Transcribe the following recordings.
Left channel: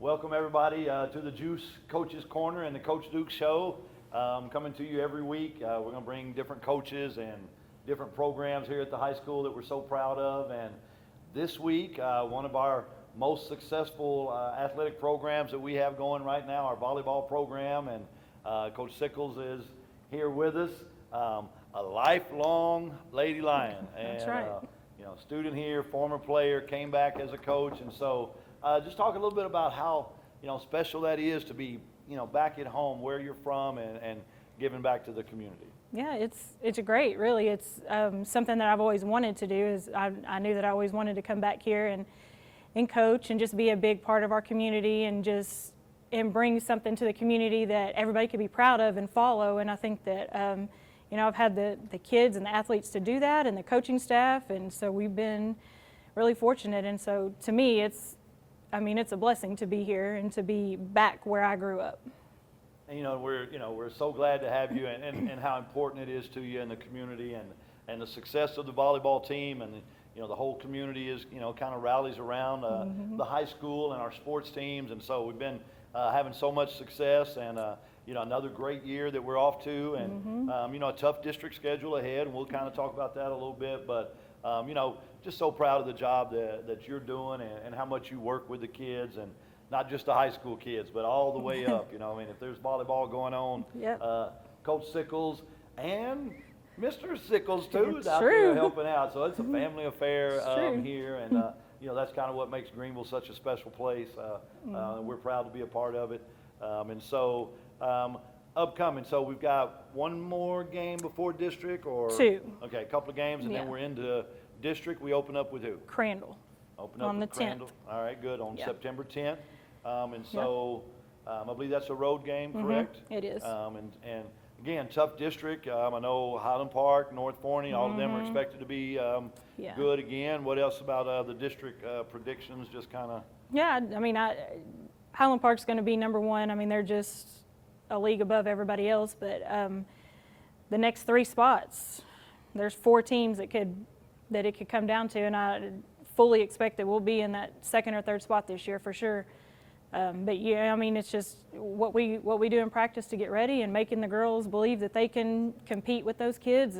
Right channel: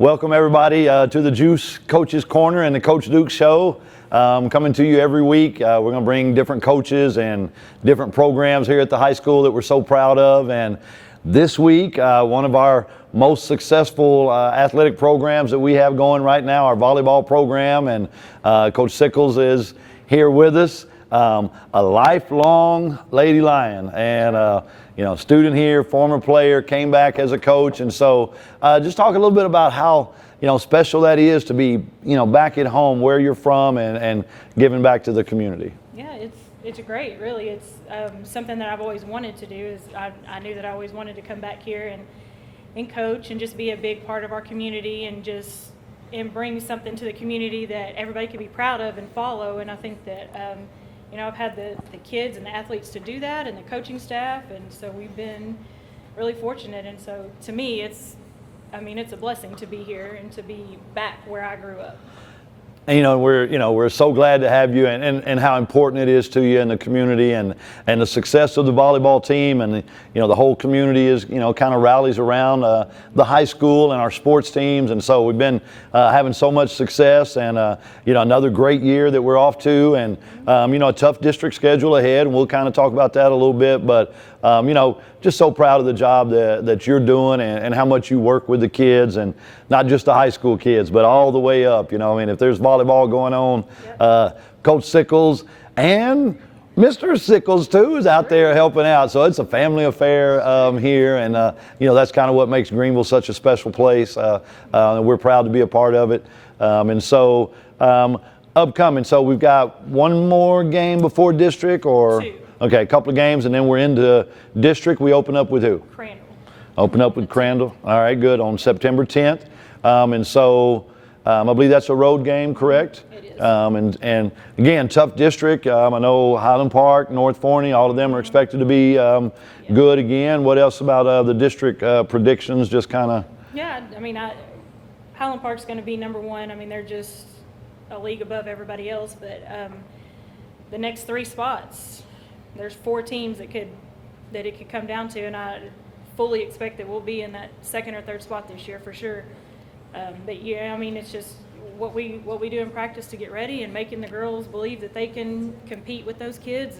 Welcome everybody to the GEUS Coaches Corner and the Coach Duke Show. Coming to you every week. We're going to bring different coaches and different programs here at the high school that we're so proud of. And this week, one of our most successful athletic programs that we have going right now, our volleyball program, and Coach Sickles is here with us. A lifelong Lady Lion, and student here, former player, came back as a coach, and so just talk a little bit about how special that is to be back at home where you're from and giving back to the community. Yeah, it's great, really. It's something that I've always wanted to do. Is I knew that I always wanted to come back here and coach and just be a big part of our community and bring something to the community that everybody can be proud of and follow. And I think that I've had the kids and the athletes to do that, and the coaching staff, and so we've been really fortunate. And so to me, it's a blessing to be here and to be back where I grew up. And we're so glad to have you, and how important it is to you in the community, and the success of the volleyball team, and the whole community is kind of rallies around the high school and our sports teams, and so we've been having so much success, and another great year that we're off to, and a tough district schedule ahead, and we'll kind of talk about that a little bit, but just so proud of the job that you're doing, and how much you work with the kids, and not just the high school kids, but all the way up. If there's volleyball going on, Coach Sickles and Mr. Sickles too is out there helping out. So it's a family affair here, and that's kind of what makes Greenville such a special place. And we're proud to be a part of it. And so upcoming, so we've got one more game before district, or two. Okay, a couple of games, and then we're into district. We open up with who? Crandall. Open up with Crandall. All right, good, on September 10th. And so I believe that's a road game, correct? It is. And again, tough district. I know Highland Park, North Forney, all of them are expected to be good again. What else about the district predictions, just kind of? Yeah, Highland Park's going to be number one. They're just a league above everybody else, but the next three spots, there's 4 teams that it could come down to, and I fully expect that we'll be in that second or third spot this year for sure. But yeah, it's just what we do in practice to get ready, and making the girls believe that they can compete with those kids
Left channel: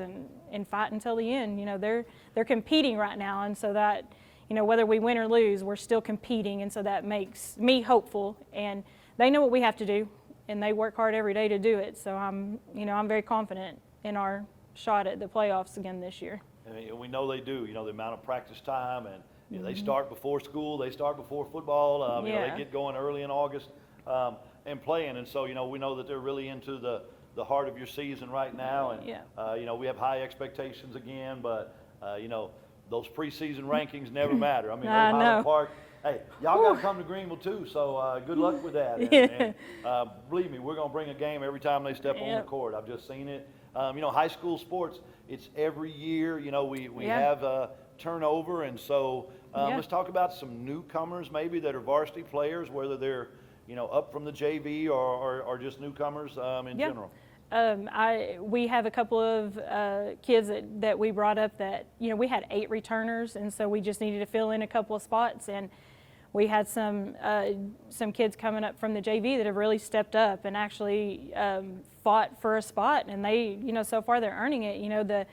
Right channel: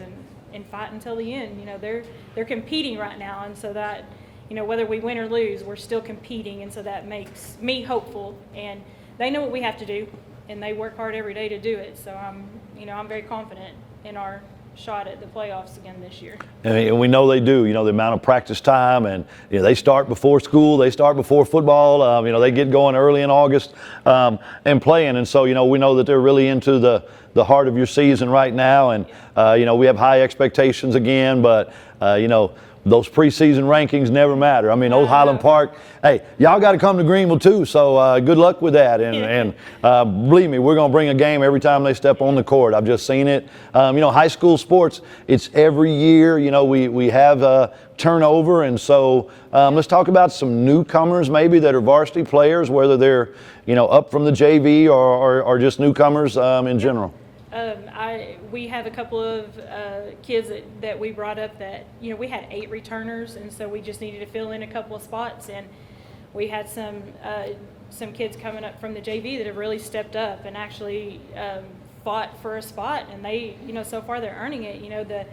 and fight until the end. They're competing right now, and so that whether we win or lose, we're still competing, and so that makes me hopeful. And they know what we have to do, and they work hard every day to do it. So I'm very confident in our shot at the playoffs again this year. And we know they do. The amount of practice time, and they start before school, they start before football. They get going early in August and playing, and so we know that they're really into the heart of your season right now, and we have high expectations again, but those preseason rankings never matter. Old Highland Park, hey, y'all got to come to Greenville too, so good luck with that. And believe me, we're going to bring a game every time they step on the court. I've just seen it. High school sports, it's every year. We have turnover, and so let's talk about some newcomers maybe that are varsity players, whether they're up from the JV or just newcomers in general. We have a couple of kids that we brought up that, we had 8 returners, and so we just needed to fill in a couple of spots, and we had some kids coming up from the JV that have really stepped up and actually fought for a spot, and they, so far they're earning it.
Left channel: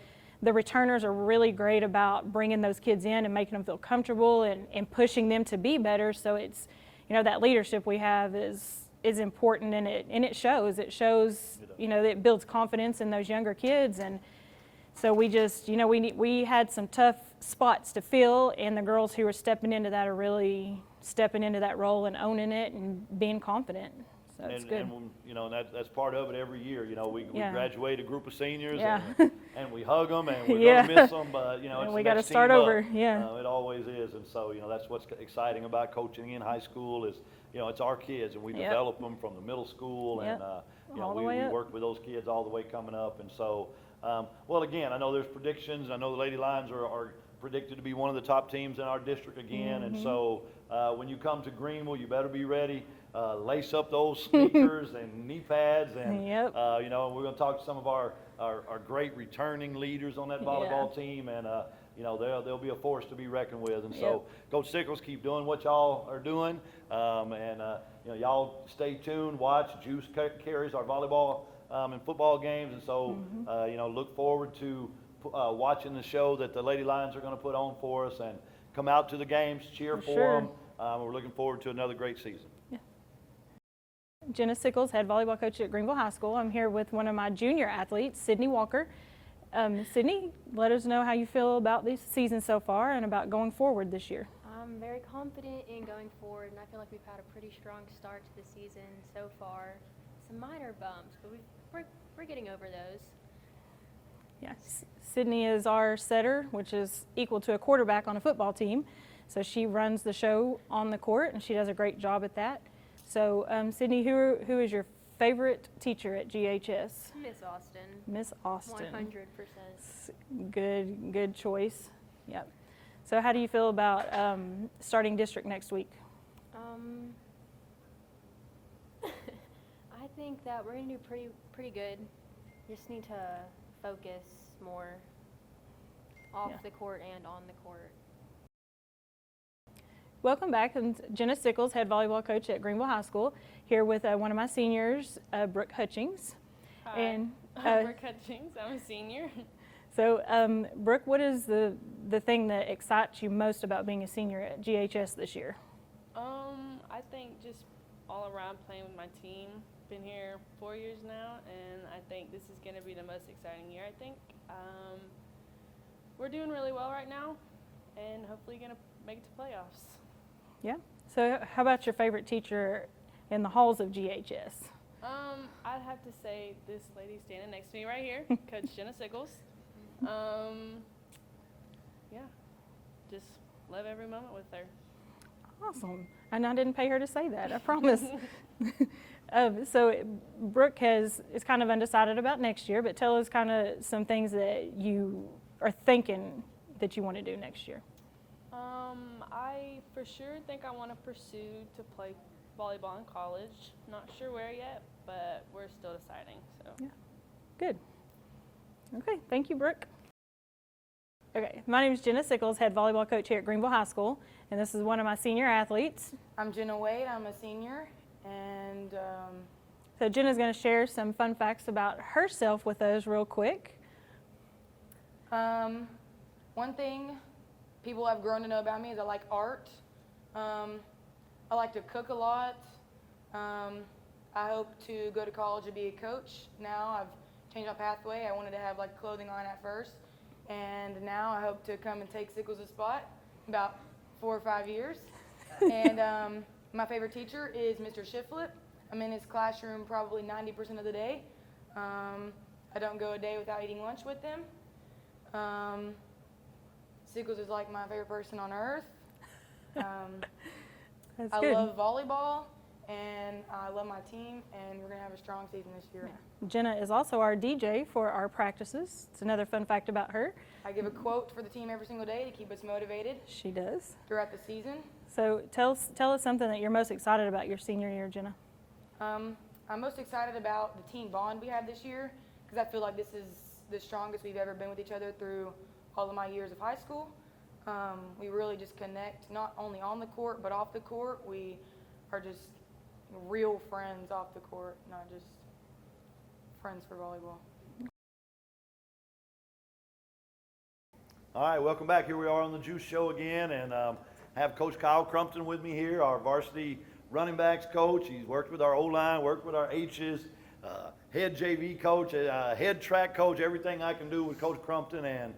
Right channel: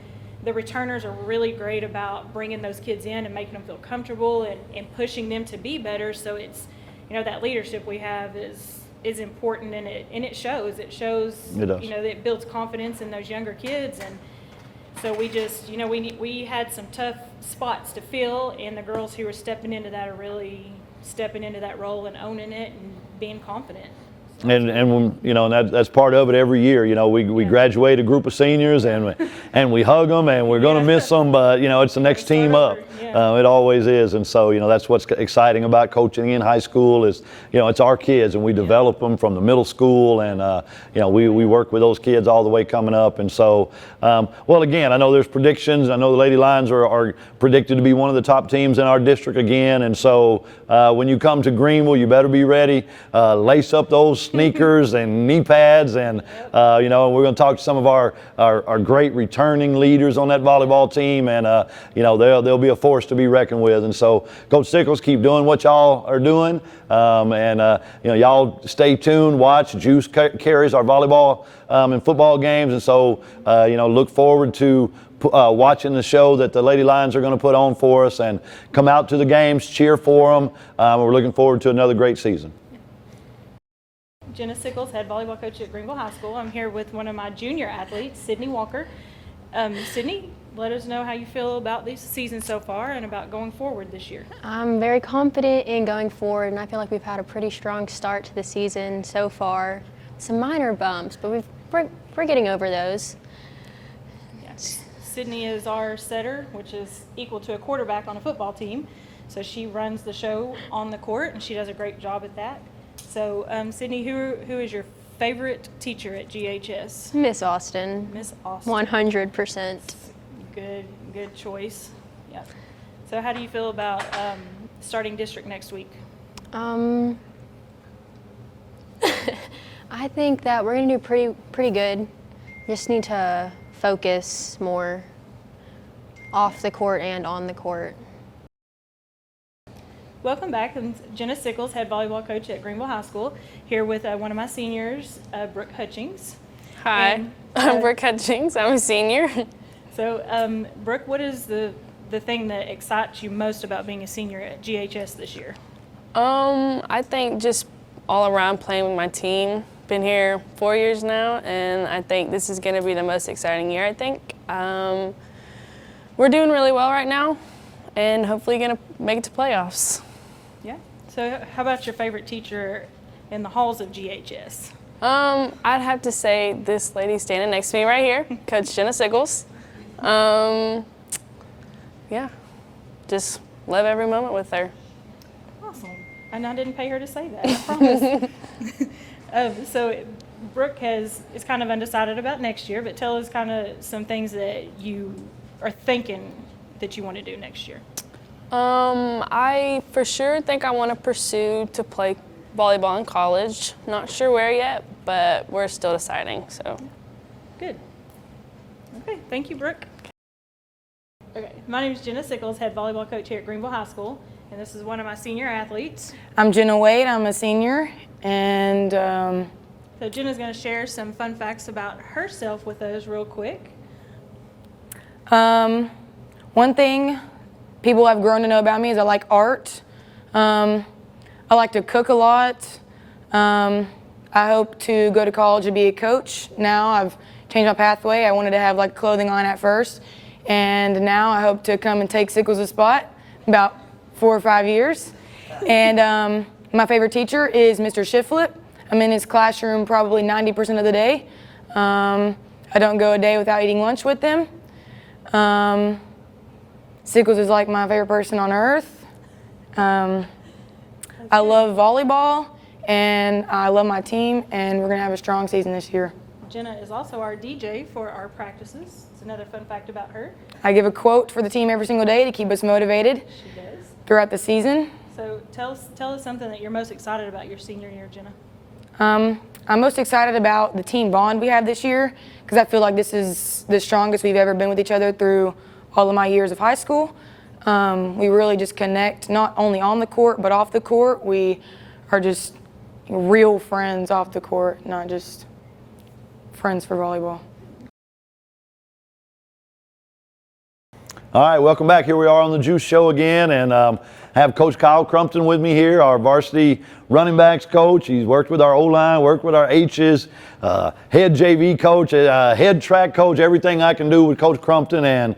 The returners are really great about bringing those kids in and making them feel comfortable and pushing them to be better. So it's, that leadership we have is important, and it shows. It shows, that it builds confidence in those younger kids, and so we just, we had some tough spots to fill, and the girls who are stepping into that are really stepping into that role and owning it and being confident. So and that's part of it every year. We graduate a group of seniors, and we hug them, and we're going to miss them, but it's the next team up. It always is, and so that's what's exciting about coaching in high school is it's our kids, and we develop them from the middle school, and we work with those kids all the way coming up, and so again, I know there's predictions. I know the Lady Lions are predicted to be one of the top teams in our district again, and so when you come to Greenville, you better be ready. Lace up those sneakers and knee pads, and Yep. you know, we're going to talk to some of our great returning leaders on that volleyball team, and you know, they'll be a force to be reckoned with. And so, Coach Sickles, keep doing what y'all are doing, and you know, y'all stay tuned. Watch GEUS carries our volleyball and football games, and so you know, look forward to watching the show that the Lady Lions are going to put on for us, and come out to the games, cheer for them. We're looking forward to another great season. Jenna Sickles, head volleyball coach at Greenville High School. I'm here with one of my junior athletes, Sydney Walker. Sydney, let us know how you feel about this season so far and about going forward this year. I'm very confident in going forward, and I feel like we've had a pretty strong start to the season so far. Some minor bumps, but we're getting over those. Yes. Sydney is our setter, which is equal to a quarterback on a football team. So she runs the show on the court, and she does a great job at that. So, Sydney, who is your favorite teacher at GHS? Miss Austin. Miss Austin. 100%. Good choice. Yep. So, how do you feel about starting district next week? I think that we're going to do pretty good. Just need to focus more off the court and on the court. Welcome back. I'm Jenna Sickles, head volleyball coach at Greenville High School, here with one of my seniors, Brooke Hutchison. Hi, And, I'm Brooke Hutchison. I'm a senior. So, Brooke, what is the thing that excites you most about being a senior at GHS this year? I think just all around playing with my team. Been here 4 years now, and I think this is going to be the most exciting year, I think. We're doing really well right now, and hopefully going to make it to playoffs. Yeah. So, how about your favorite teacher in the halls of GHS? I'd have to say this lady standing next to me right here, Coach Jenna Sickles. Yeah, just love every moment with her. Awesome. And I didn't pay her to say that, I promise. So Brooke is kind of undecided about next year, but tell us kind of some things that you are thinking that you want to do next year. I for sure think I want to pursue to play volleyball in college. Not sure where yet, but we're still deciding, so. Good. Okay, thank you, Brooke. Okay, my name is Jenna Sickles, head volleyball coach here at Greenville High School, and this is one of my senior athletes. I'm Jenna Wade. I'm a senior, and So Jenna's going to share some fun facts about herself with us real quick. one thing people have grown to know about me is I like art. I like to cook a lot. I hope to go to college and be a coach. Now I've changed my pathway. I wanted to have like a clothing line at first, and now I hope to come and take Sickles' spot in about 4 or 5 years. And my favorite teacher is Mr. Shiflett. I'm in his classroom probably 90% of the day. I don't go a day without eating lunch with him. Sickles is like my favorite person on earth. I love volleyball, and I love my team, and we're going to have a strong season this year. Jenna is also our DJ for our practices. It's another fun fact about her. I give a quote for the team every single day to keep us motivated She does. throughout the season. So tell us something that you're most excited about your senior year, Jenna. I'm most excited about the team bond we have this year because I feel like this is the strongest we've ever been with each other through all of my years of high school. We really just connect not only on the court but off the court. We are just real friends off the court, not just friends for volleyball. All right, welcome back. Here we are on the GEUS show again, and I have Coach Kyle Crumpton with me here, our varsity running backs coach. He's worked with our O-line, worked with our H's, head JV coach, head track coach, everything I can do with Coach Crumpton. And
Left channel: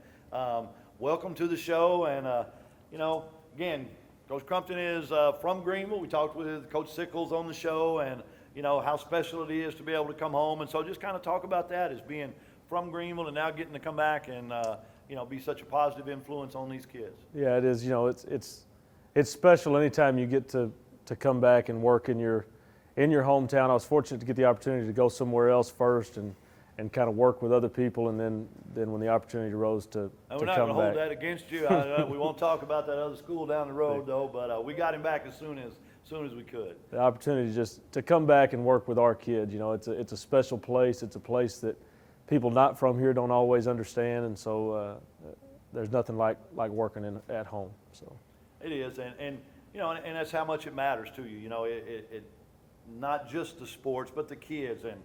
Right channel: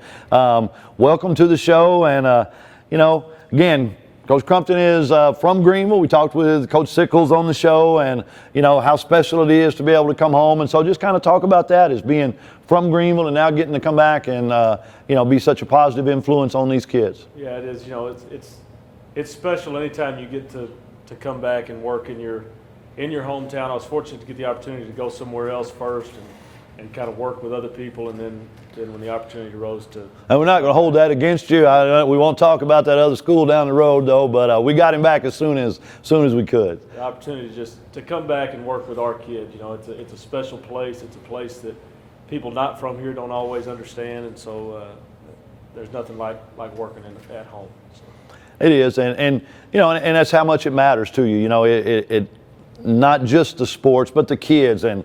welcome to the show. And, you know, again, Coach Crumpton is from Greenville. We talked with Coach Sickles on the show, and, you know, how special it is to be able to come home. And so just kind of talk about that as being from Greenville and now getting to come back and, you know, be such a positive influence on these kids. Yeah, it is. You know, it's special anytime you get to come back and work in your hometown. I was fortunate to get the opportunity to go somewhere else first, and kind of work with other people, and then when the opportunity arose to. And we're not going to hold that against you. We won't talk about that other school down the road, though. But we got him back as soon as we could. The opportunity just to come back and work with our kids. You know, it's a special place. It's a place that people not from here don't always understand, and so there's nothing like working at home. So. It is, and you know, and that's how much it matters to you. You know, it not just the sports, but the kids and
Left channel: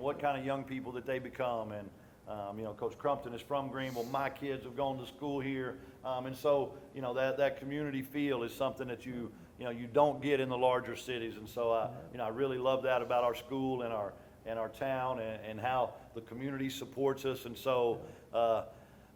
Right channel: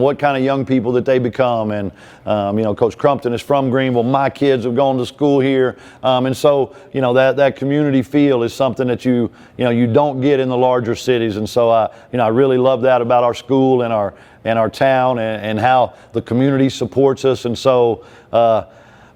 what kind of young people that they become. And you know, Coach Crumpton is from Greenville. My kids have gone to school here, and so you know that community feel is something that you don't get in the larger cities. And so you know, I really love that about our school and our town and how the community supports us. And so.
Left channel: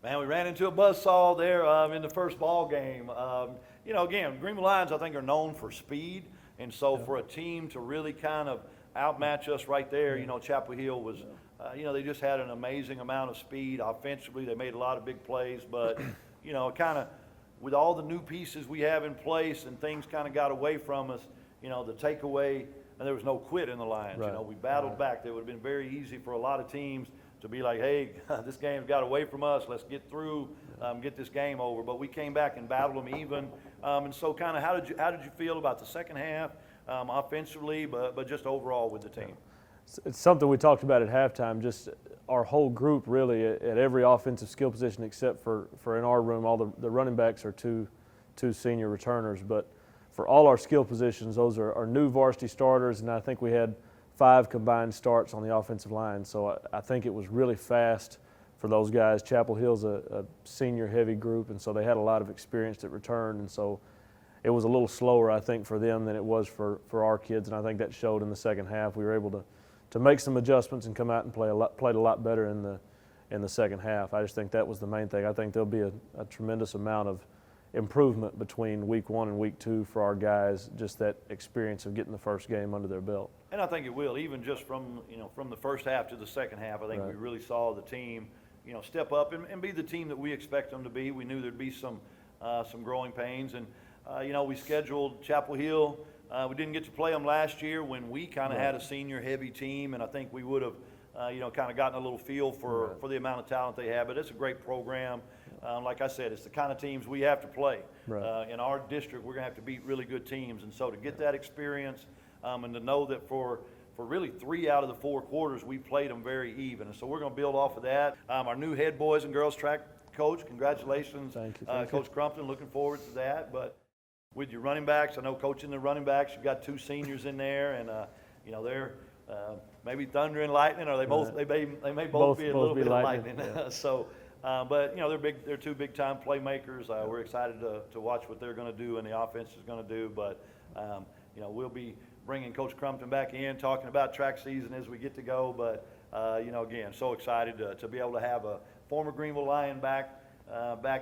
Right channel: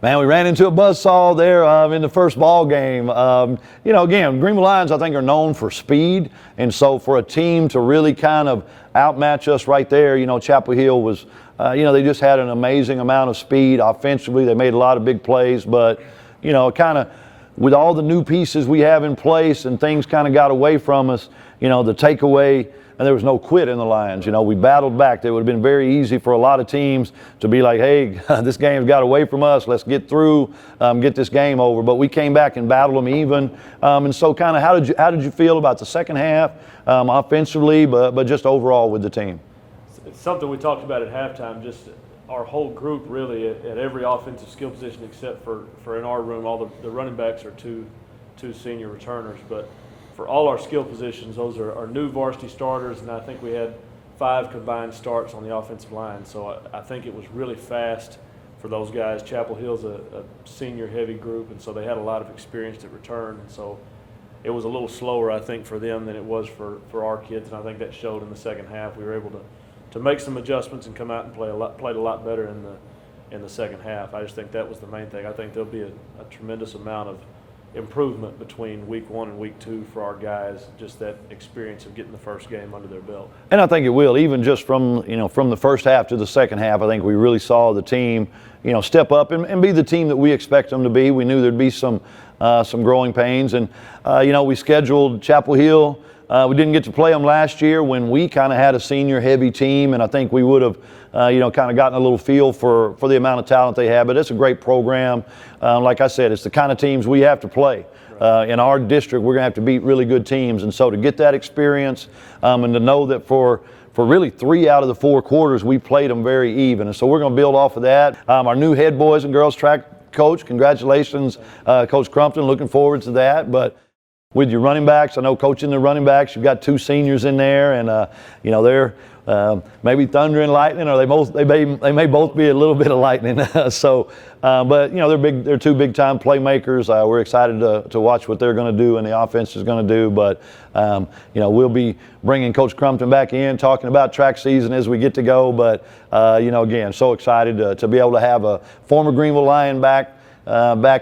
Man, we ran into a buzzsaw there in the first ball game. You know, again, Greenville Lions, I think, are known for speed. And so for a team to really kind of outmatch us right there, you know, Chapel Hill was, you know, they just had an amazing amount of speed. Offensively, they made a lot of big plays. But, you know, kind of with all the new pieces we have in place and things kind of got away from us, you know, the takeaway, and there was no quit in the Lions. You know, we battled back. It would have been very easy for a lot of teams to be like, hey, this game's got away from us. Let's get through, get this game over. But we came back and battled them even. And so kind of how did you feel about the second half offensively, but just overall with the team? It's something we talked about at halftime, just our whole group really at every offensive skill position except for in our room, all the running backs are two senior returners. But for all our skill positions, those are our new varsity starters, and I think we had 5 combined starts on the offensive line. So I think it was really fast for those guys. Chapel Hill's a senior-heavy group, and so they had a lot of experience at return. And so it was a little slower, I think, for them than it was for our kids, and I think that showed in the second half. We were able to make some adjustments and come out and played a lot better in the second half. I just think that was the main thing. I think there'll be a tremendous amount of improvement between week 1 and week 2 for our guys, just that experience of getting the first game under their belt. And I think it will, even just from the first half to the second half. I think we really saw the team, you know, step up and be the team that we expect them to be. We knew there'd be some growing pains, and you know, we scheduled Chapel Hill. We didn't get to play them last year when we kind of had a senior-heavy team, and I think we would have, you know, kind of gotten a little feel for the amount of talent they have. But it's a great program. Like I said, it's the kind of teams we have to play. Right. In our district, we're going to have to beat really good teams. And so to get that experience and to know that for really 3 out of the 4 quarters, we played them very even. And so we're going to build off of that. Our new head boys and girls track coach, congratulations, Coach Crumpton. Looking forward to that. But with your running backs, I know coaching the running backs, you've got 2 seniors in there, and you know, they're maybe thunder and lightning, or they may both be a little bit of lightning. So, but you know, they're 2 big-time playmakers. We're excited to watch what they're going to do and the offense is going to do. But you know, we'll be bringing Coach Crumpton back in, talking about track season as we get to go. But you know, again, so excited to be able to have a former Greenville Lion back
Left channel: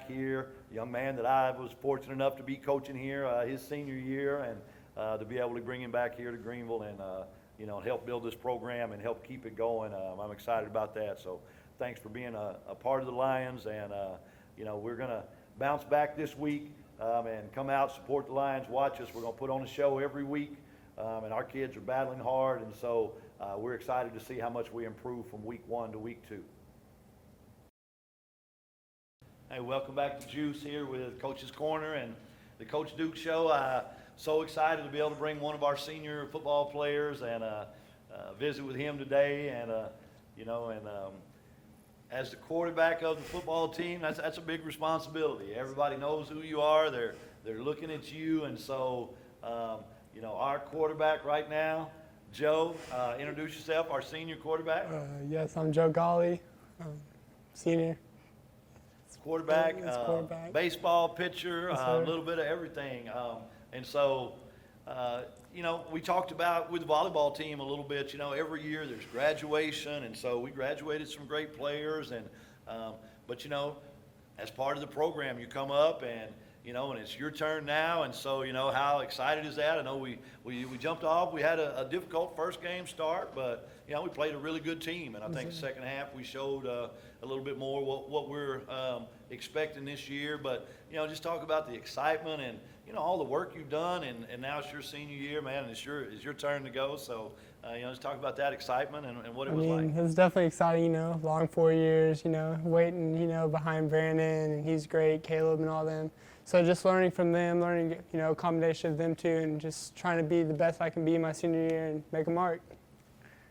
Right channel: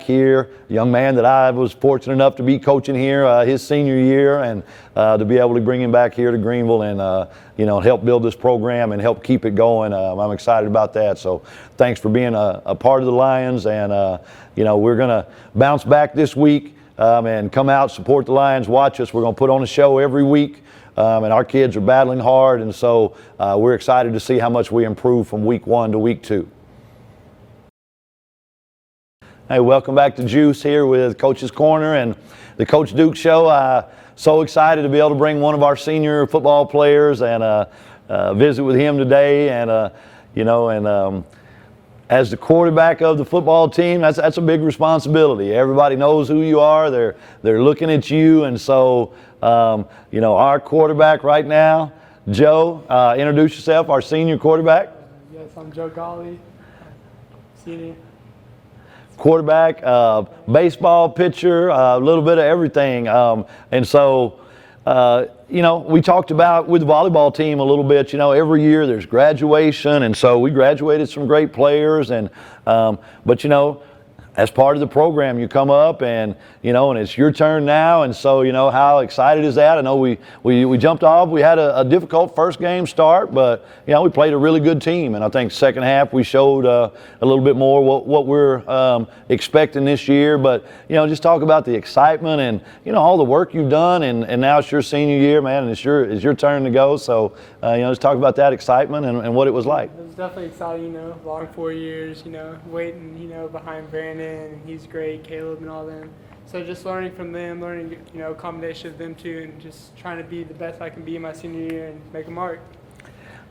here, a young man that I was fortunate enough to be coaching here his senior year, and to be able to bring him back here to Greenville and you know, help build this program and help keep it going. I'm excited about that. So thanks for being a part of the Lions, and you know, we're going to bounce back this week and come out, support the Lions, watch us. We're going to put on a show every week, and our kids are battling hard, and so we're excited to see how much we improve from week 1 to week 2. Hey, welcome back to GEUS here with Coach's Corner and the Coach Duke Show. So excited to be able to bring one of our senior football players and visit with him today. And you know, and as the quarterback of the football team, that's a big responsibility. Everybody knows who you are. They're looking at you, and so you know, our quarterback right now, Joe. Introduce yourself, our senior quarterback. Yes, I'm Joe Golly, senior. Quarterback, baseball pitcher, a little bit of everything. And so, you know, we talked about with the volleyball team a little bit, you know, every year there's graduation. And so we graduated some great players. And but, you know, as part of the program, you come up and, and it's your turn now. And so, how excited is that? I know we jumped off. We had a difficult first game start, but, we played a really good team. And I think second half we showed a little bit more what we're expecting this year. But, just talk about the excitement and, all the work you've done. And now it's your senior year, man, and it's your turn to go. So, just talk about that excitement and what it was like. It was definitely exciting, long 4 years, waiting, behind Brandon, and he's great, Caleb and all them. So just learning from them, learning, a combination of them too, and just trying to be the best I can be my senior year and make a mark.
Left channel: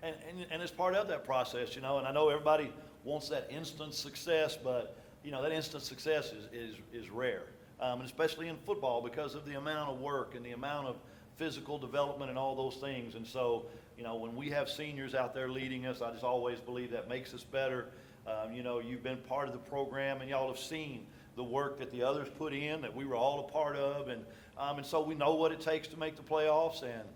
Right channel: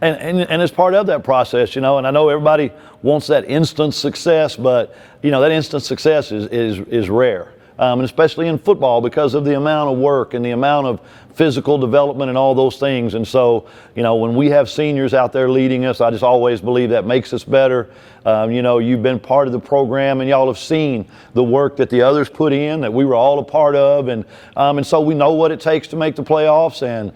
And as part of that process, and I know everybody wants that instant success, but, that instant success is rare. And especially in football because of the amount of work and the amount of physical development and all those things. And so, when we have seniors out there leading us, I just always believe that makes us better. You've been part of the program and y'all have seen the work that the others put in that we were all a part of. And so we know what it takes to make the playoffs. And,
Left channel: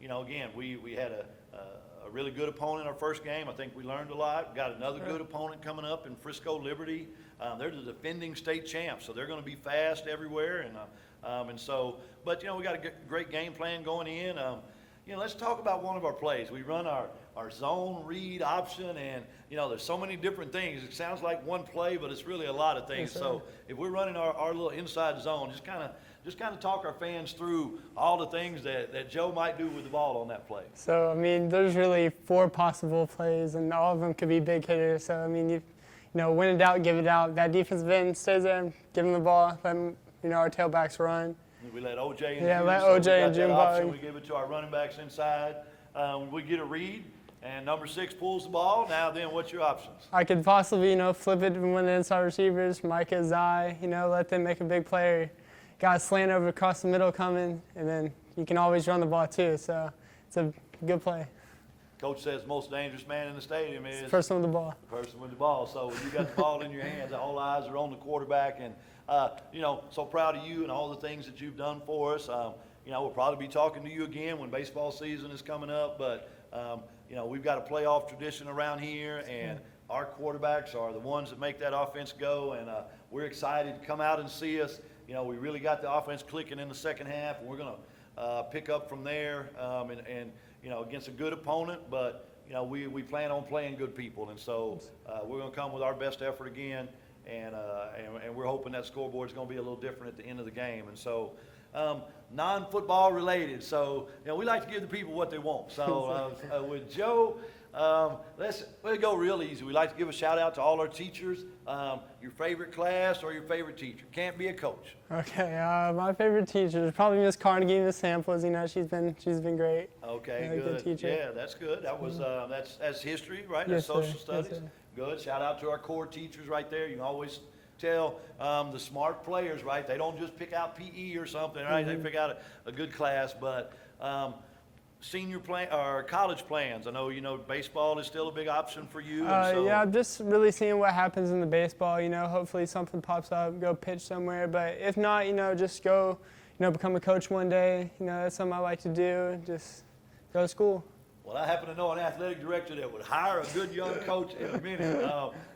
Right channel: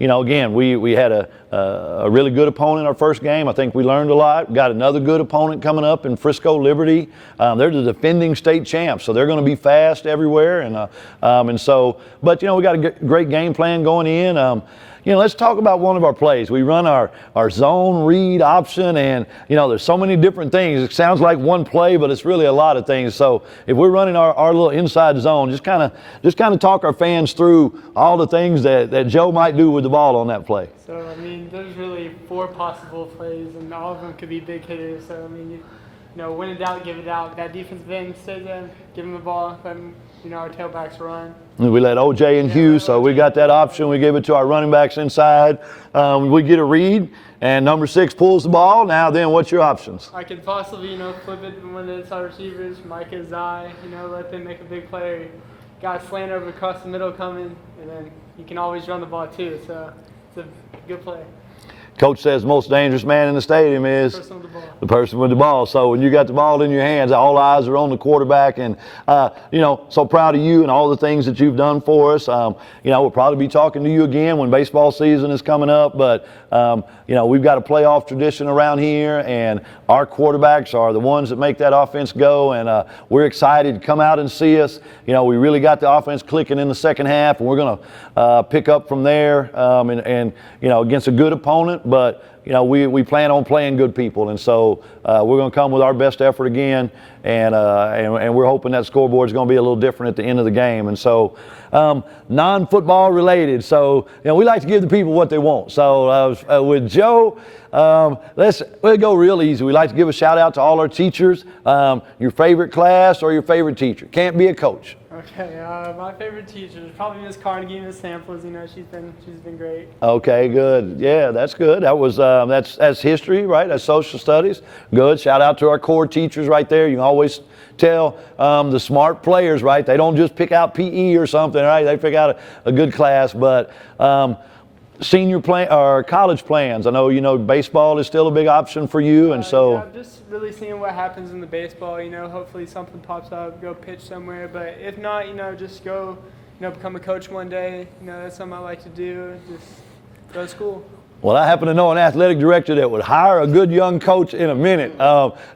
again, we had a really good opponent our first game. I think we learned a lot. We got another good opponent coming up in Frisco Liberty. They're the defending state champs, so they're going to be fast everywhere. And so, but, we got a great game plan going in. Let's talk about one of our plays. We run our zone read option, and, there's so many different things. It sounds like one play, but it's really a lot of things. So if we're running our little inside zone, just kind of talk our fans through all the things that Joe might do with the ball on that play. So, there's really 4 possible plays, and all of them could be big hitters. So, win it out, give it out. That defensive end stays in, give them the ball, let them, our tailbacks run. We let OJ and Hughes, so we got that option. We give it to our running backs inside. We get a read, and number 6 pulls the ball. Now then, what's your options? I could possibly, flip it to one of the inside receivers, Micah, Zai, let them make a big play. Got a slant over across the middle coming, and then you can always run the ball too, so it's a good play. Coach says most dangerous man in the stadium is The person with the ball. the person with the ball. So when you got the ball in your hands, all eyes are on the quarterback. And, so proud of you and all the things that you've done for us. We'll probably be talking to you again when baseball season is coming up. But, we've got a playoff tradition around here, and our quarterbacks are the ones that make that offense go. And we're excited to come out and see us. We really got the offense clicking in the second half, and we're going to pick up from there and against a good opponent. But, we plan on playing good people. And so we're going to come with our best effort again. And we're hoping that scoreboard is going to be a little different at the end of the game. And so non-football related. So, we like to give the people what they want. So with Joe, we'll go real easy. We like to give a shout out to all our teachers. Your favorite class or your favorite teacher? Can't be a coach. Okay, my favorite teacher is probably Miss Carnegie, Miss Samples. She's been great. Okay, good. Yeah, that's good. That was that's history, right? That's social studies. Good. Shout out to our core teachers right there. You can always tell the smart players, right? They don't just pick out PE or something, right? They pick out a good class. But senior plan or college plans. I know baseball is still a big option for you, and so yeah, just really seeing what happens in the baseball. Hopefully something pops up, go pitch somewhere. But if not, just go, become a coach one day. That's something I like to do. Just go to school. Well, I happen to know an athletic director that would hire a good young coach in a minute.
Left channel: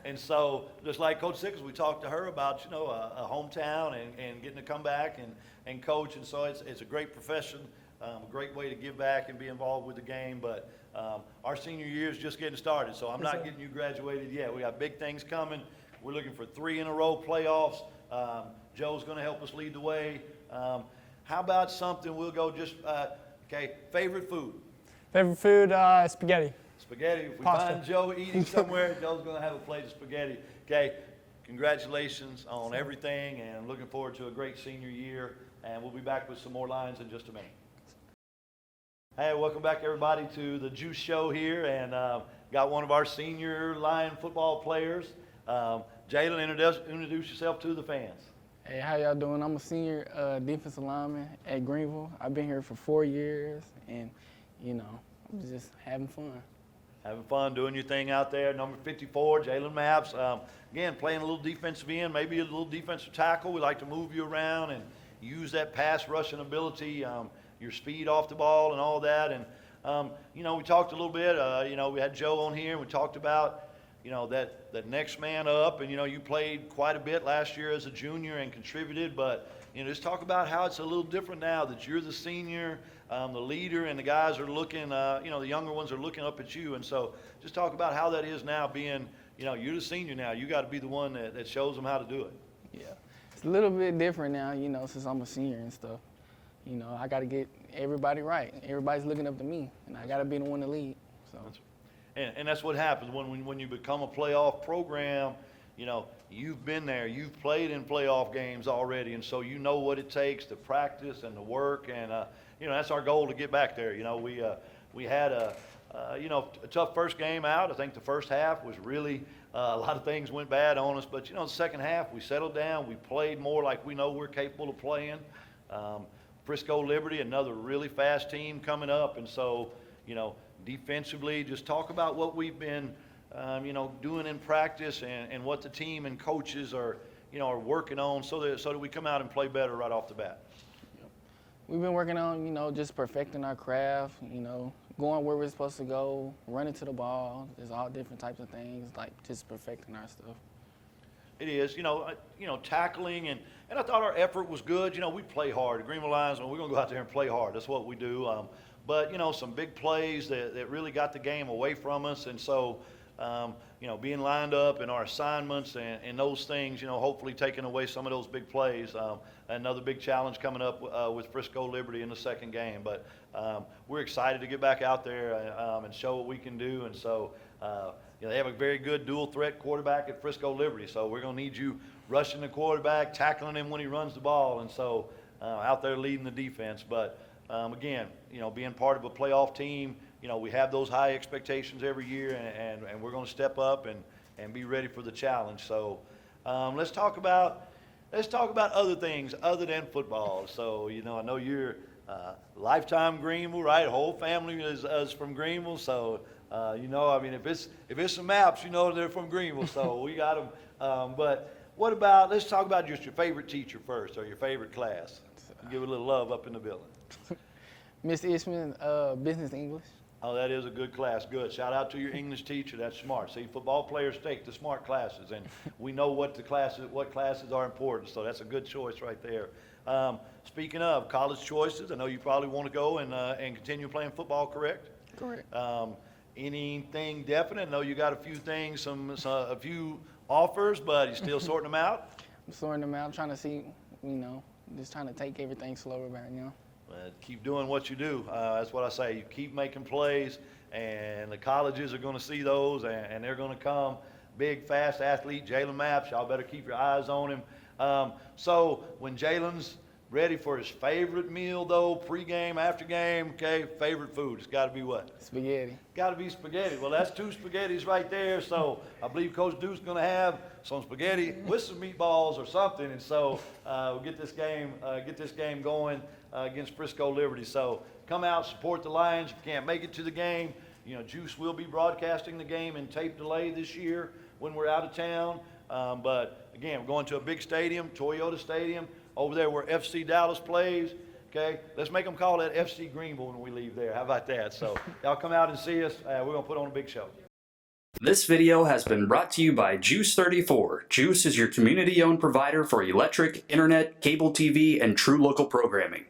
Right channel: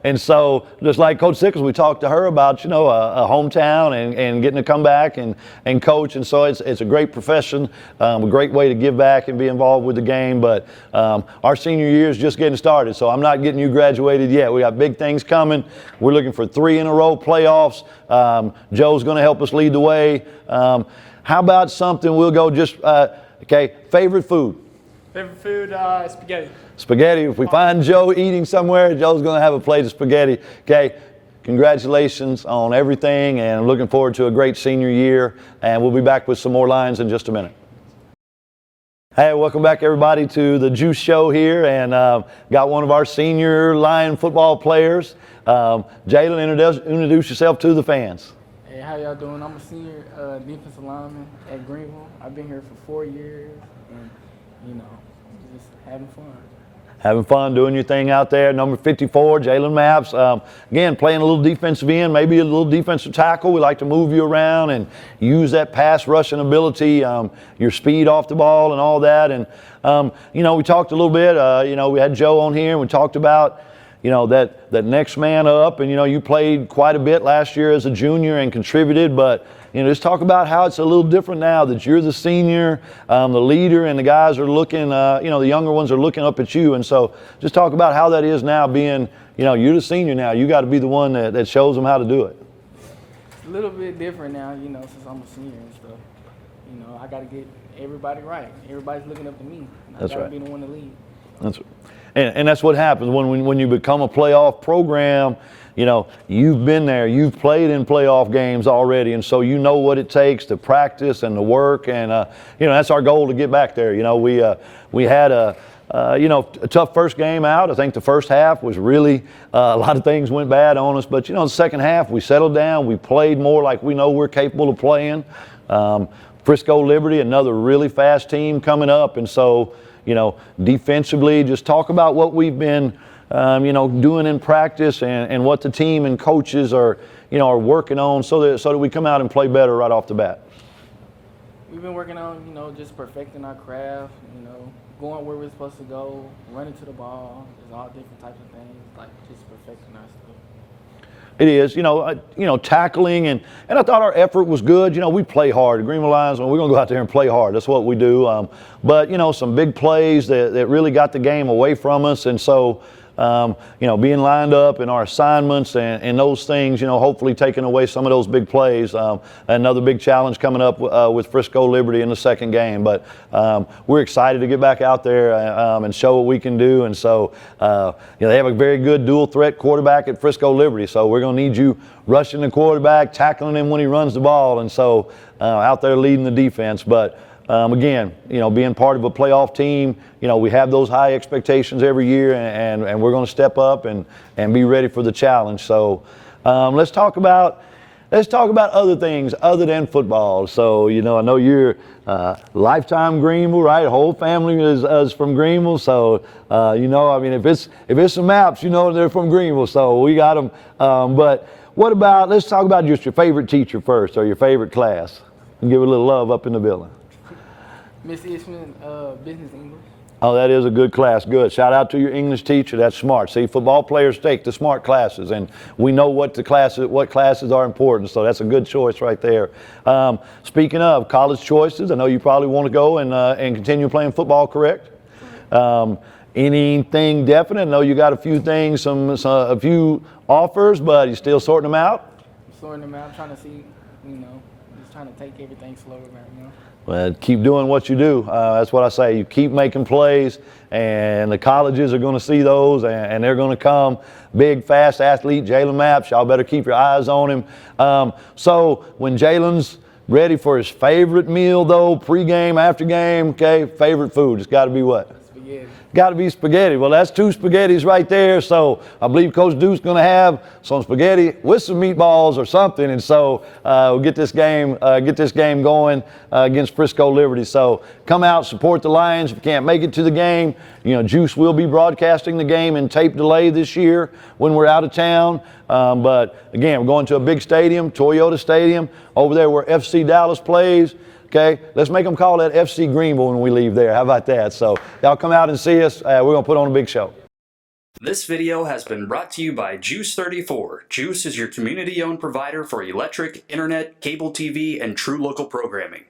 And so just like Coach Sickles, we talked to her about, a hometown and getting to come back and coach. And so it's a great profession, a great way to give back and be involved with the game. But our senior year is just getting started, so I'm not getting you graduated yet. We got big things coming. We're looking for 3-in-a-row playoffs. Joe's going to help us lead the way. How about something we'll go just, favorite food? Favorite food, spaghetti. Spaghetti. If we find Joe eating somewhere, Joe's going to have a plate of spaghetti. Okay, congratulations on everything, and I'm looking forward to a great senior year, and we'll be back with some more lines in just a minute. Hey, welcome back everybody to the GEUS show here, and got one of our senior Lion football players. Jalen, introduce yourself to the fans. Hey, how y'all doing? I'm a senior defensive lineman at Greenville. I've been here for 4 years, and just having fun. Having fun doing your thing out there. Number 54, Jalen Mapes. Again, playing a little defensive end, maybe a little defensive tackle. We like to move you around and use that pass rushing ability, your speed off the ball and all that. And, we talked a little bit, we had Joe on here and we talked about, that next man up. And, you played quite a bit last year as a junior and contributed, but, just talk about how it's a little different now that you're the senior, the leader, and the guys are looking, the younger ones are looking up at you. And so just talk about how that is now being, you're the senior now. You got to be the one that shows them how to do it. Yeah. It's a little bit different now, since I'm a senior and stuff. I got to get everybody right. Everybody's looking up to me. And That's I got to right. be the one to lead. So. That's right. And that's what happens when you become a playoff program. You've been there, you've played in playoff games already, and so you know what it takes to practice and to work, and that's our goal to get back there. We had a tough first game out. I think the first half was really a lot of things went bad on us, but the second half we settled down, we played more like we know we're capable of playing. Frisco Liberty, another really fast team coming up, and so defensively, just talk about what we've been doing in practice and what the team and coaches are working on so that we come out and play better right off the bat. We've been working on, just perfecting our craft, going where we're supposed to go, running to the ball. There's all different types of things, like just perfecting our stuff. It is, tackling, and I thought our effort was good. We play hard. The Greenville Lions, we're going to go out there and play hard. That's what we do. But, some big plays that really got the game away from us. And so, being lined up in our assignments and those things, hopefully taking away some of those big plays. Another big challenge coming up with Frisco Liberty in the second game. But we're excited to get back out there and show what we can do. And so, they have a very good dual threat quarterback at Frisco Liberty. So we're going to need you rushing the quarterback, tackling him when he runs the ball. And so out there leading the defense. But again, being part of a playoff team, we have those high expectations every year, and we're going to step up and be ready for the challenge. So let's talk about other things other than football. So, I know you're lifetime Greenville, right? The whole family is from Greenville. So, if it's some maps, they're from Greenville. So we got them. But let's talk about just your favorite teacher first, or your favorite class, and give it a little love up in the building. Miss Ishman, Business English. Oh, that is a good class. Good. Shout out to your English teacher. That's smart. See, football players take the smart classes, and we know what classes are important. So that's a good choice right there. Speaking of college choices, I know you probably want to go and continue playing football, correct? Anything definite? I know you got a few things, a few offers, but you're still sorting them out. I'm sorting them out. I'm trying to see, just trying to take everything slower right now. Well, keep doing what you do. That's what I say. You keep making plays, and the colleges are going to see those, and they're going to come. Big, fast athlete, Jalen Mapes. Y'all better keep your eyes on him. So when Jalen's ready for his favorite meal, though, pregame, after game, okay, favorite food, it's got to be what? Spaghetti. Got to be spaghetti. Well, that's two spaghettis right there. So I believe Coach Duke's going to have some spaghetti with some meatballs or something. And so we'll get this game going against Frisco Liberty. So come out, support the Lions. If you can't make it to the game, GEUS will be broadcasting the game in tape delay this year when we're out of town. But again, we're going to a big stadium, Toyota Stadium, over there where FC Dallas plays. Okay, let's make them call that FC Greenville when we leave there. How about that? So y'all come out and see us. We're going to put on a big show. This video has been brought to you by GEUS 34. GEUS is your community-owned provider for electric, internet, cable TV, and true local programming.